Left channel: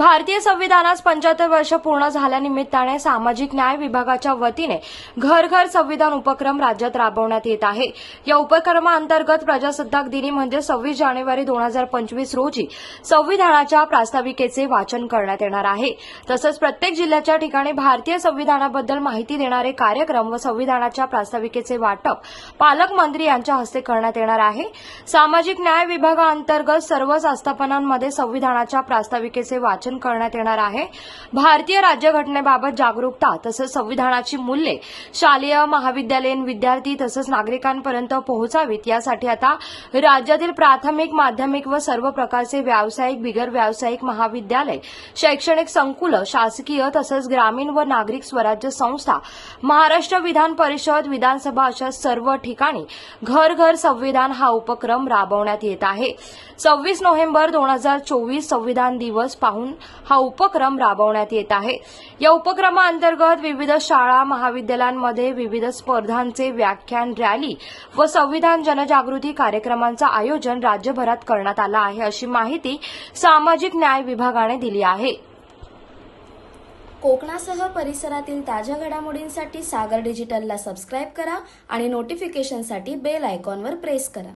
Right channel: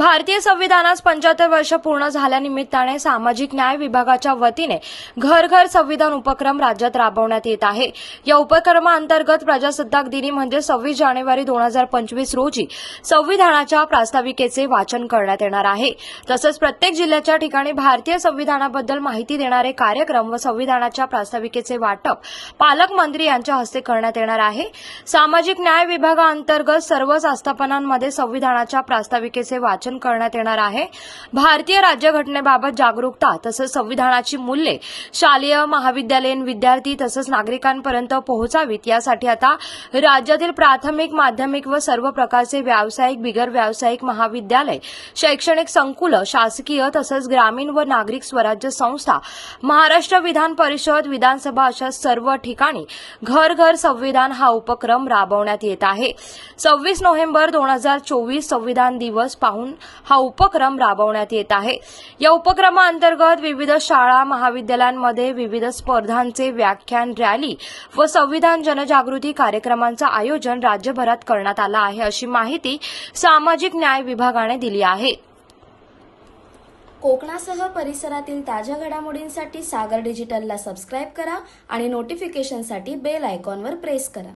भारतीय संविधानास पंच्याहत्तर वर्ष पूर्ण झाल्यानिमित्ताने सामाजिक न्याय विभागाच्या वतीने घर घर संविधान उपक्रम राज्यात राबवण्यात येत आहे. या उपक्रमाअंतर्गत प्रजासत्ताक दिनी म्हणजे सव्वीस जानेवारी दोन हजार पंचवीस रोजी संविधानाच्या प्रास्ताविकेचे वाचन करण्यात येणार आहे. तसंच प्रत्येक जिल्ह्याच्या ठिकाणी भारतीय संविधानाबद्दल माहिती देणारे कार्यक्रम व संविधानाच्या प्रास्ताविकेचे वाटप पालकमंत्री यांच्या हस्ते करण्यात येणार आहे. सामाजिक न्याय विभागाअंतर्गत सर्वच आस्थापनांमध्ये संविधानाच्या प्रास्ताविकेचे वाचन वाचन करण्यात येणार आहे. भारतीय राज्यघटनेबाबत जागरूकता तसंच संविधानाची मूल्ये शालेय महाविद्यालयीन विद्यार्थी तसंच नागरिकांपर्यंत पोहोचावीत यासाठी आता राज्यातील प्राथमिक माध्यमिक व सर्व प्रकारचे व्यावसायिक बिगर व्यावसायिक महाविद्यालय शैक्षणिक संकुलं शासकीय तसंच ग्रामीण व नागरिक स्वराज्य संस्था महाराष्ट्र विधान परिषद विधानसभा अशा सर्व ठिकाणी घर घर संविधान हा उपक्रम राबवण्यात येत आहे. सव्वीस नोव्हेंबर दोन हजार चोवीस संविधान दिवस पाहून हा उपक्रम राबवण्यात येत आहे. या उपक्रमाअंतर्गत विविध शाळा महाविद्यालयांमध्ये विविध स्पर्धांचे व्याख्यान रॅली व संविधान जनजागृती कार्यक्रमांचं आयोजन राज्यभरात करण्यात आलं आहे अशी माहिती सामाजिक न्याय विभागाने दिली आहे. कोकणासह परिसरातील ताज्या घडामोडींसाठी सागर डिजिटलला सबस्क्राईब करा आणि नोटिफिकेशनसाठी बेल आयकॉनवर प्रेस करा.